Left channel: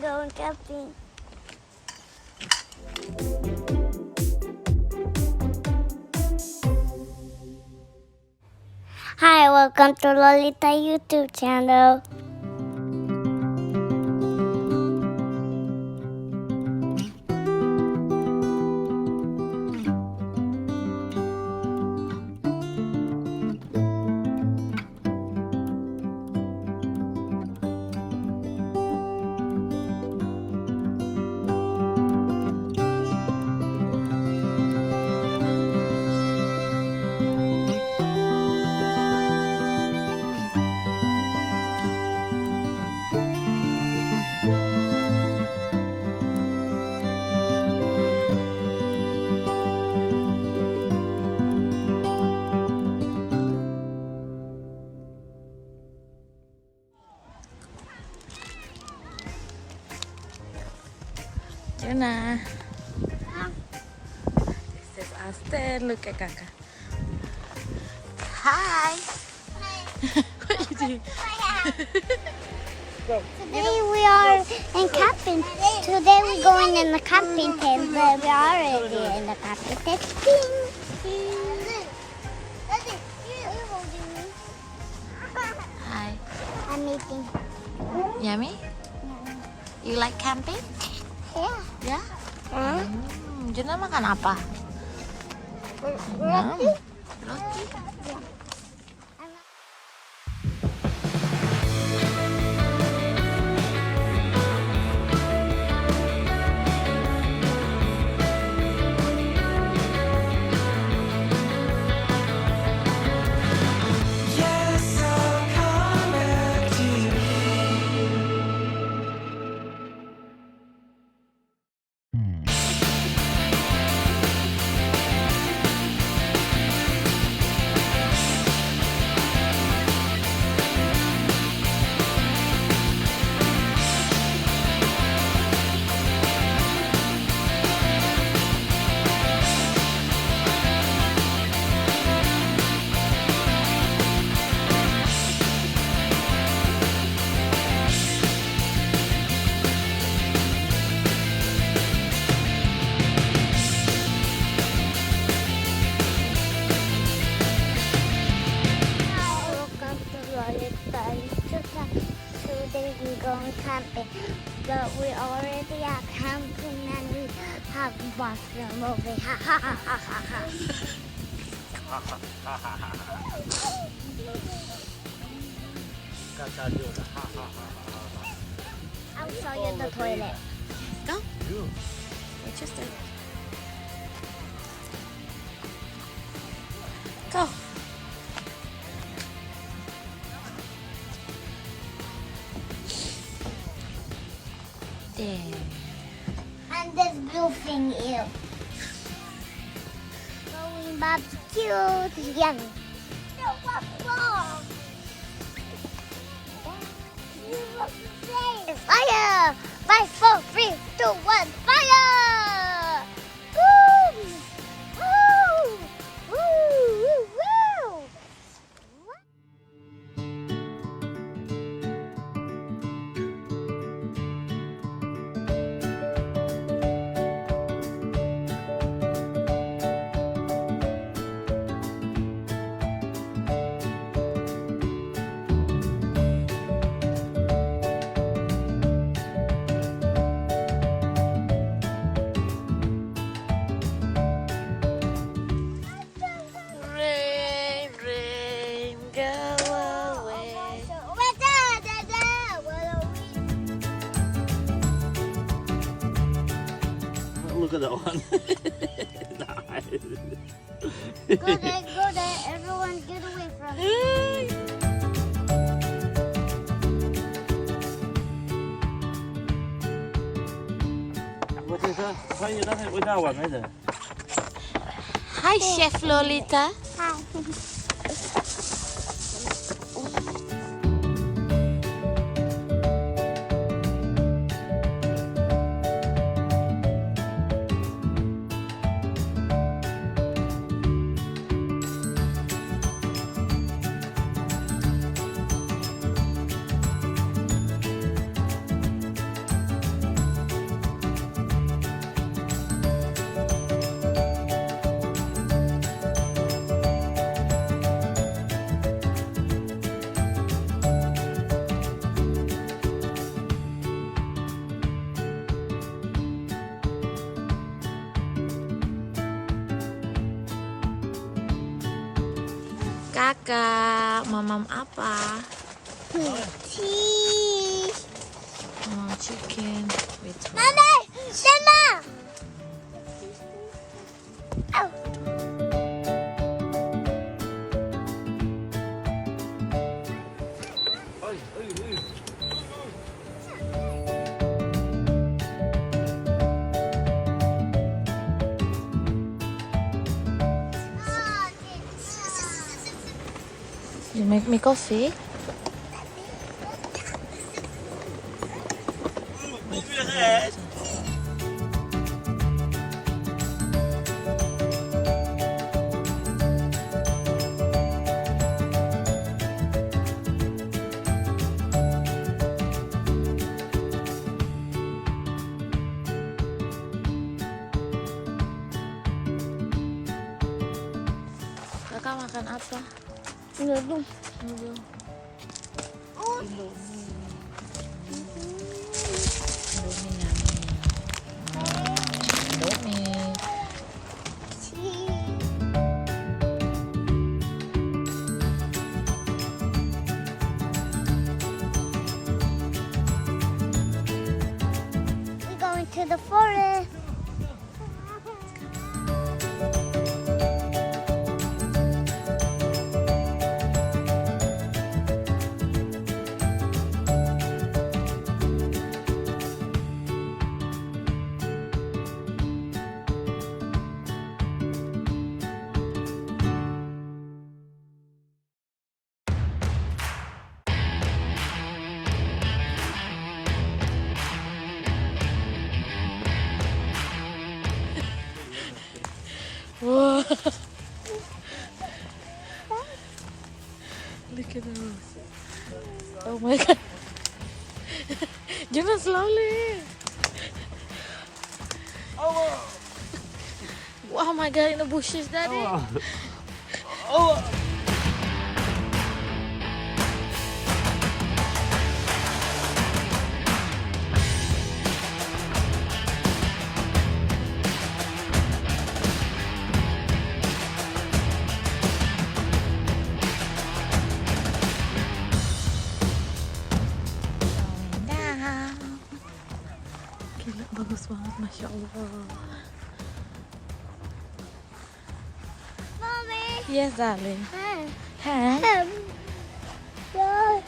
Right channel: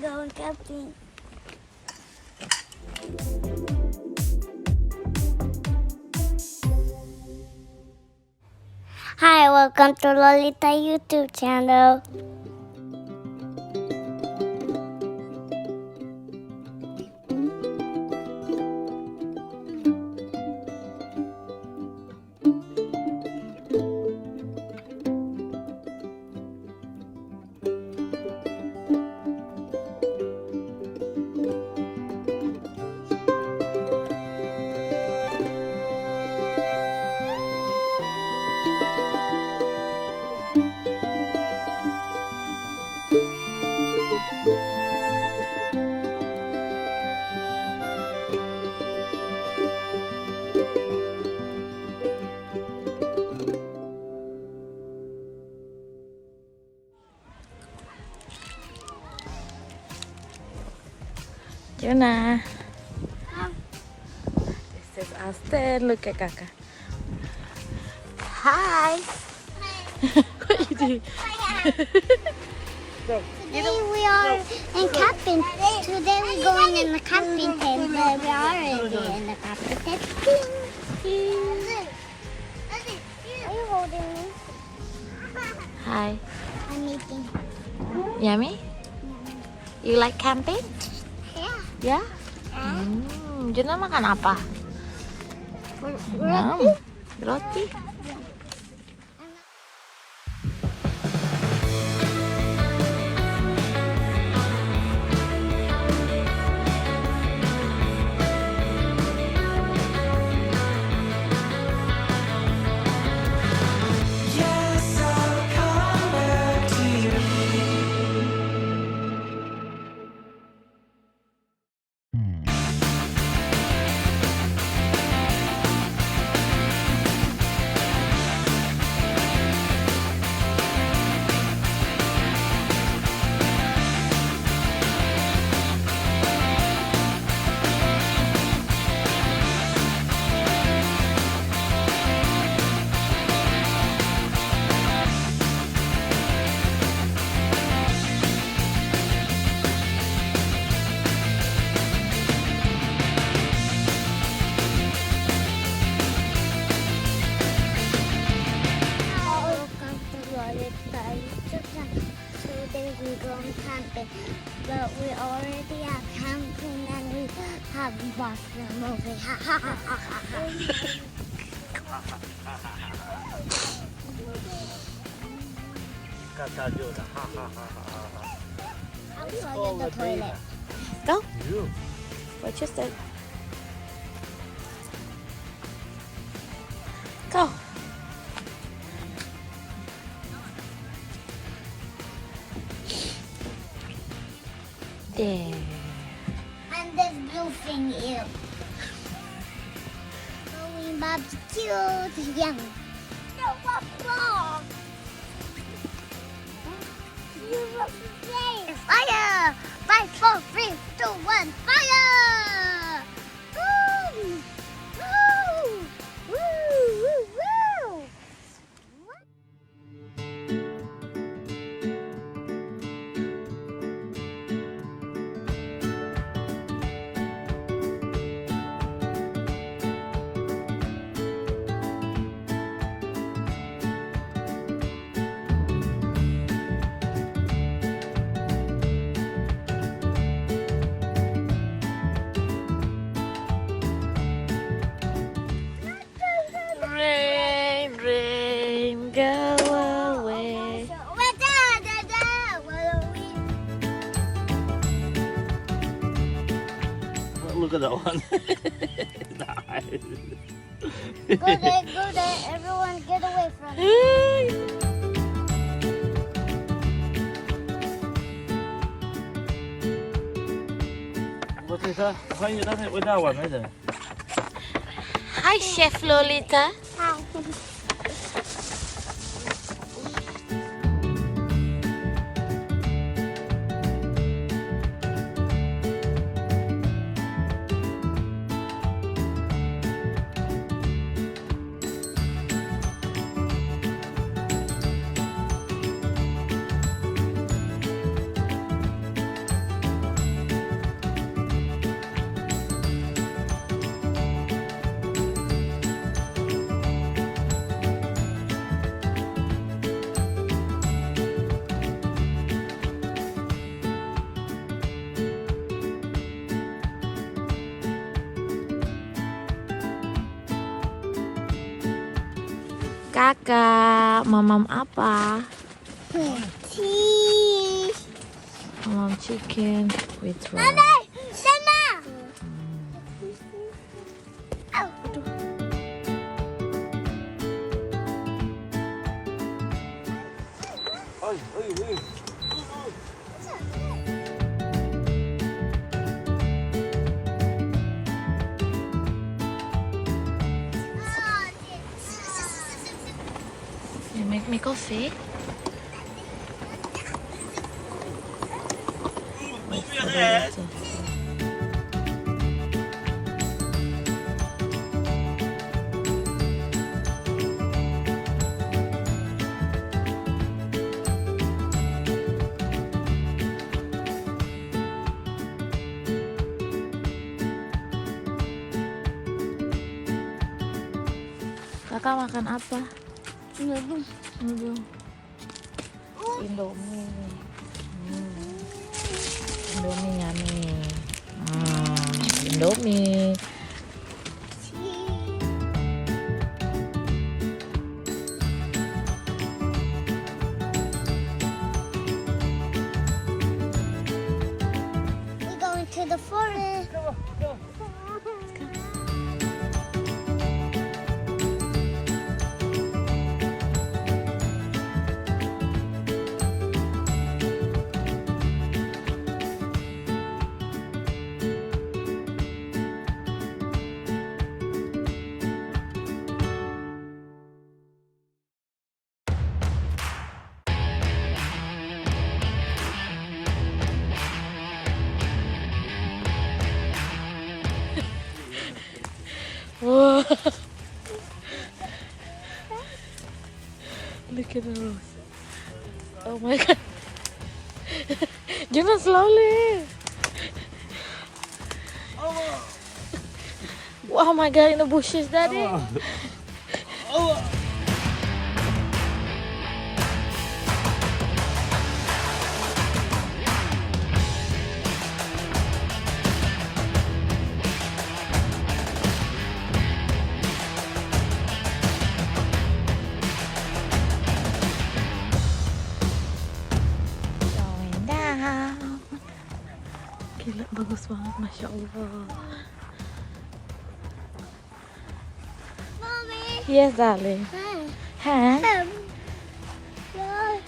we're going camping. Hi, welcome to Lolita YouTube channel. Jonah. This is Ashton. Look at Kaka. Hi. What you do? Today we are in camping. Today we're going in the camping tent, but we are already in the camping tent. Are you holding me? Hi. I'm eating. Yummy? You like camping? Yeah. Ya? Jonah makan apa? Roti. Welcome to Lolita YouTube channel. Today we're going camping, but we already are camping and we have watched the movie. Ha ha ha ha ha I'll show you the toilet. Go. Watch your step. Go. There. And this blue thing is going barbecue. Young. Fire! 5, 4, 3, 2, 1, fire! Woo! Woo! Woo! Woo! Woo! Rain, rain, go away. Look at that one. Go there, everyone get away from me. Hi, Chef Lolita. Hi. suka mamam apa? Tea. Mamam chicken with rice. Mama. Oh. You make me coffee? Wait for the water. Kakak makan apa? Indomie. Indomie yummy. Indomie. We're going to the forest. Whoa. Look at the rose. Oh my god. Jangan slowly. Oh my god, in the bushes, Daddy. Going down. Gila, bagus banget, Masya Allah. Mommy. Yes, darling. Hey. Huh? What?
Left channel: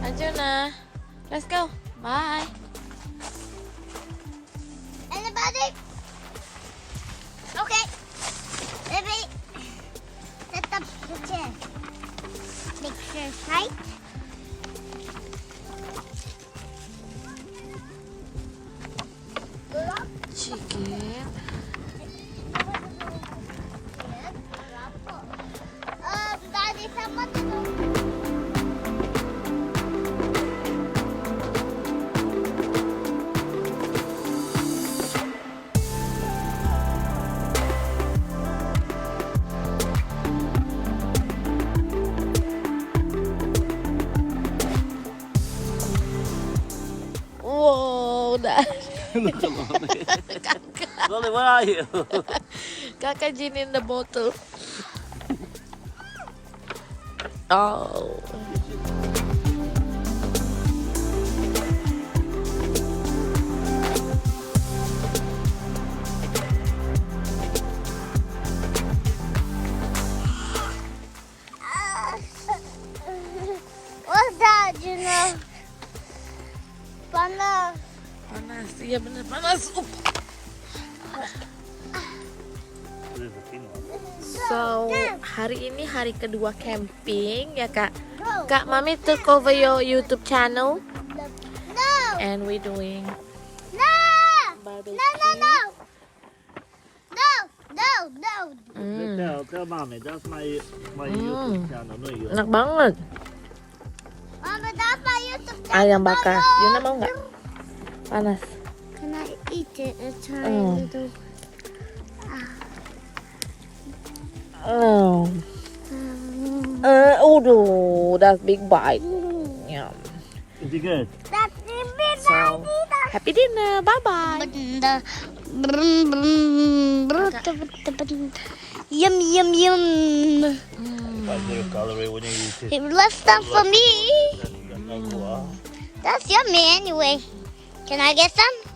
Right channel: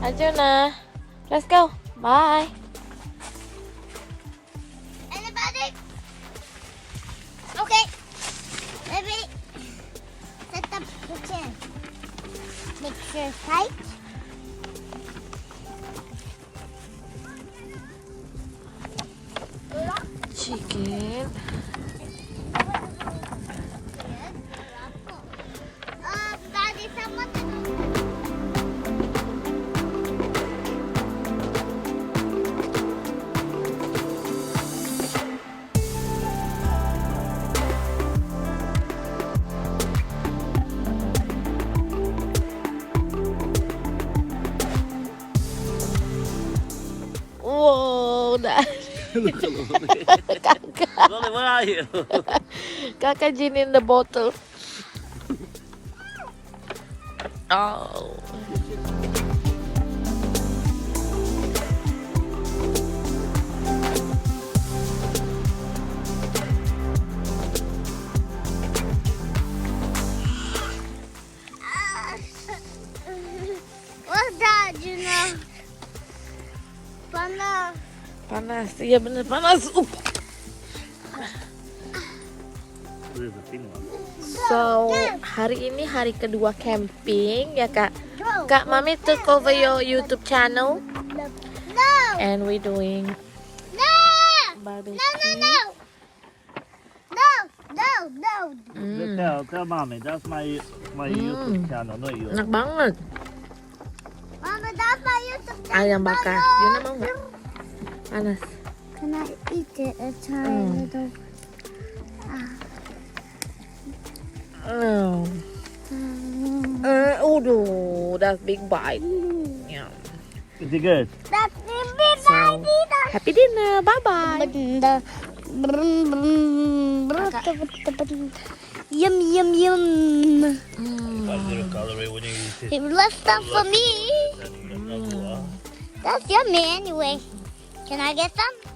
Arjuna, let's go. Bye. Anybody? Okay. Ready? Set up the chair. Make sure tight. Chicken. Daddy, sama Wow, dah. Lily, where are you? Kakak gin in the bottle. Oh. What's that, Juna? Panas. Panas, iya bener panas. So, hari ini hari kedua camping ya kak. Kak, Mami took over your YouTube channel. No! And we're doing No! barbecue. No, no, no! No, no, no! Tell mommy, that's my YouTube channel, not yours. Enak banget. Mama, that's my YouTube channel. Ayam bakar. Yuna mau nggak? Panas. Can I eat it and try a little? Uduh, that's big bite. Yeah. Is it good? That's So, happy dinner. Bye bye. Yum, yum, yum. That's good calorie when you eat it. It left some for me. That's yummy anyway. Can I get some?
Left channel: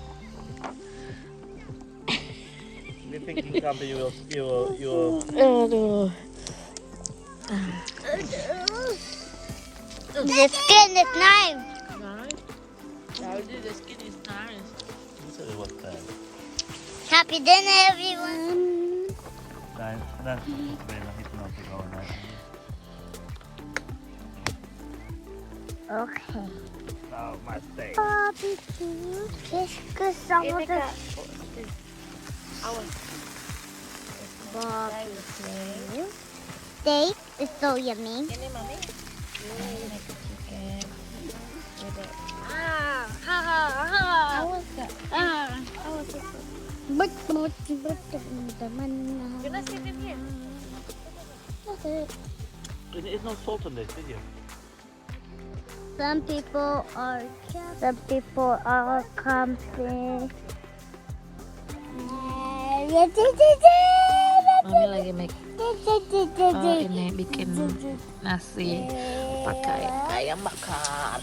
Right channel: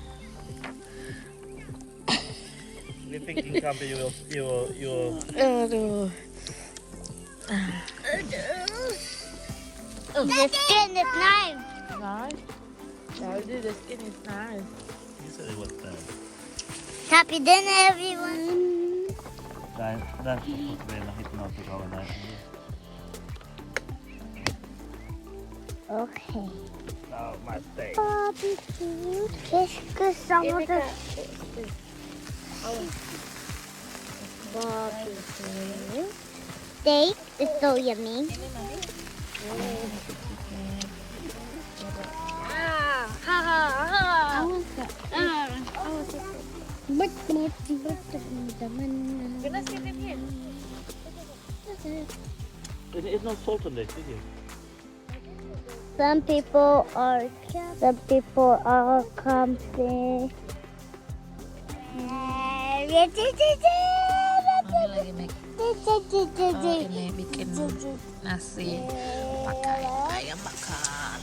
You think you can be your Aduh. The skin is nice. Nice. The skin is nice. You said it was Happy dinner, everyone. That's väldigt hypnotic av den. Okay. Oh, my steak. Barbecue. Because some of the barbecue steak is so yummy. Gonna sit in here. It's not salt on this, is it? Some people are camping. Mami lagi make ini bikin nasi pakai ayam bakar.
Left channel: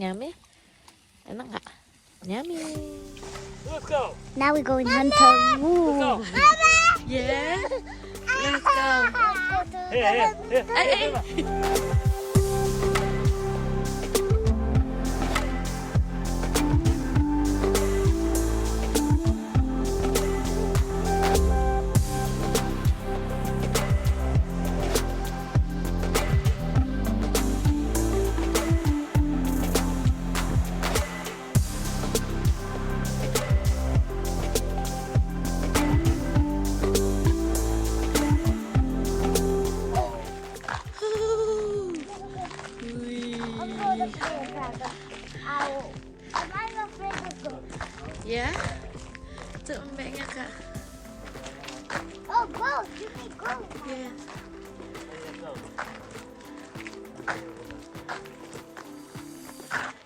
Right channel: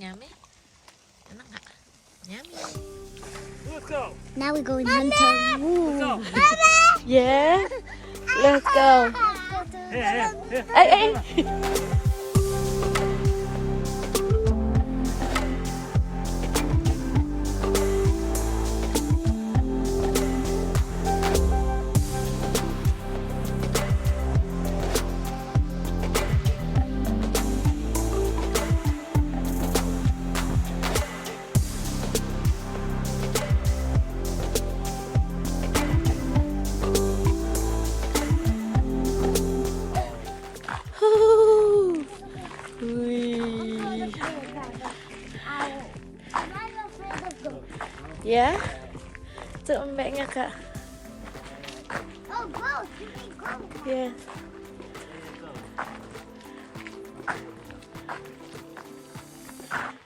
Yummy. Enak nggak? Yummy. Let's go. Now we're going hunting. Woo. Yeah. Let's go. Here. Hey. Ya, itu embeknya kak. Oh, go. Ya. Hai.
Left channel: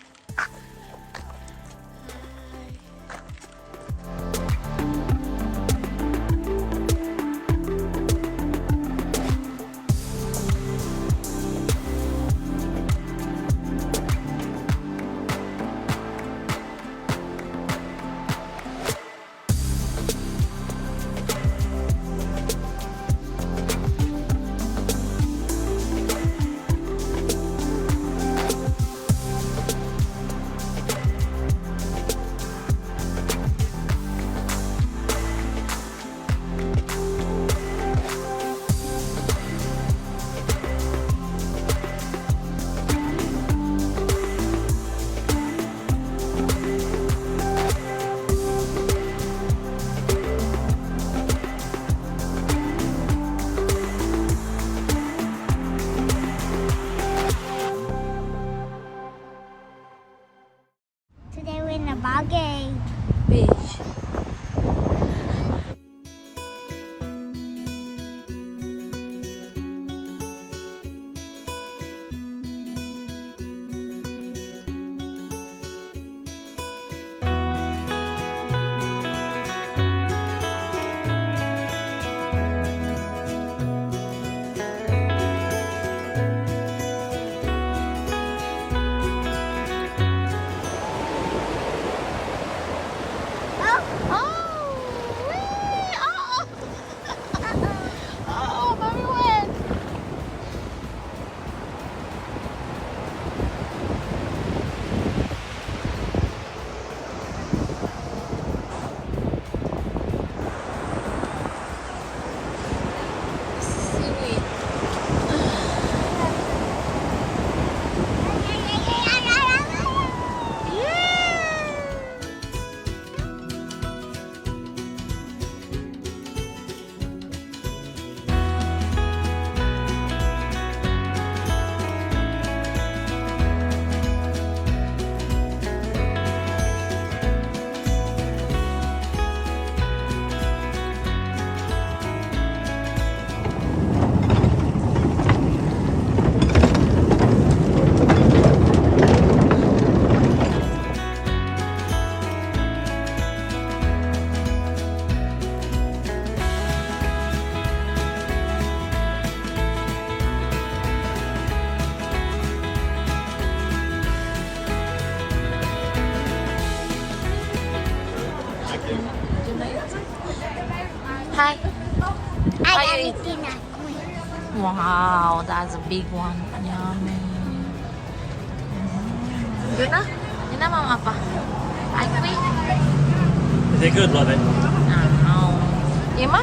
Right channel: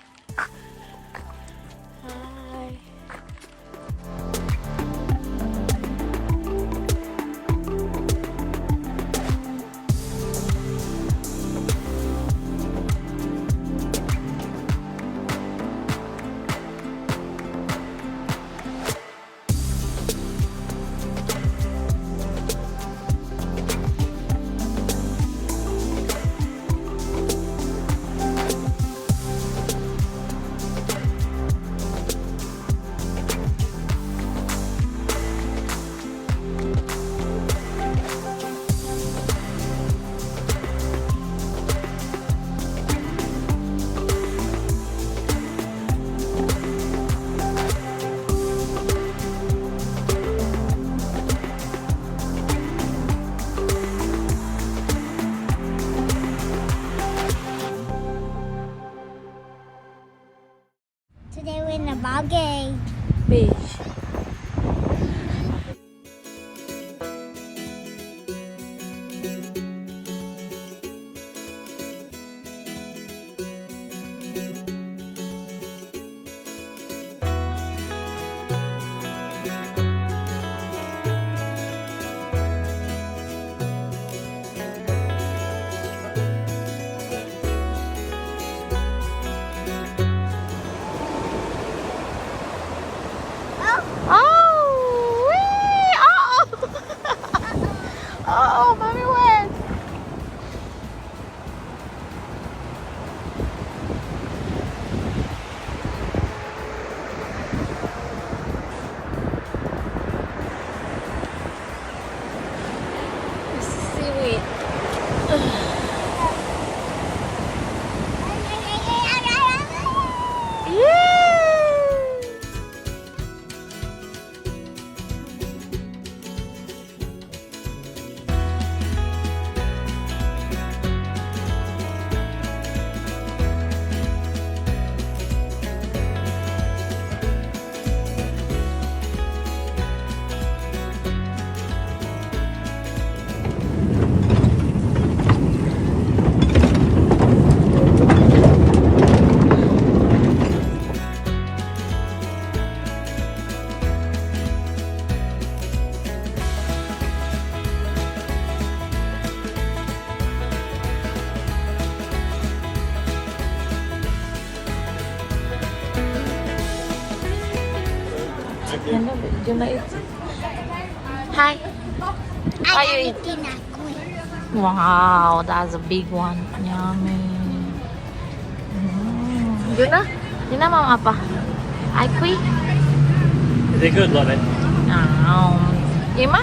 Today we're in the Margate. Beach. Oh, gonna eat. Hi. I Are you am eat? eating a queen. Wow, that's a big one. Yummy. Yun na mama apa? Ay, kui. Det är guldare. Ima?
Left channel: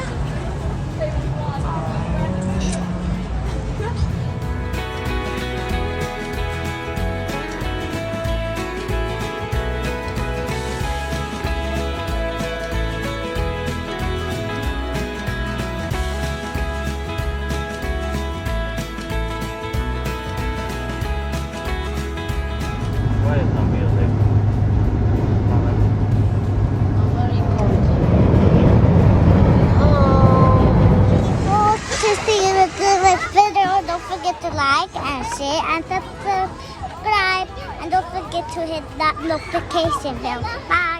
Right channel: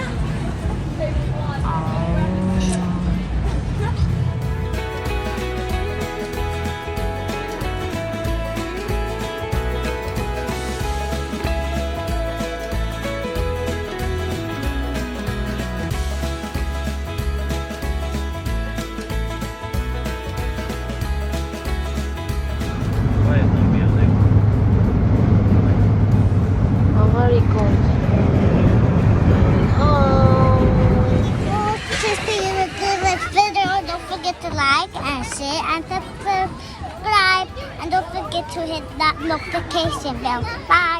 Very cold. Oh, to see the good video, don't forget to like and share and subscribe. And don't forget to hit that notification bell. Bye.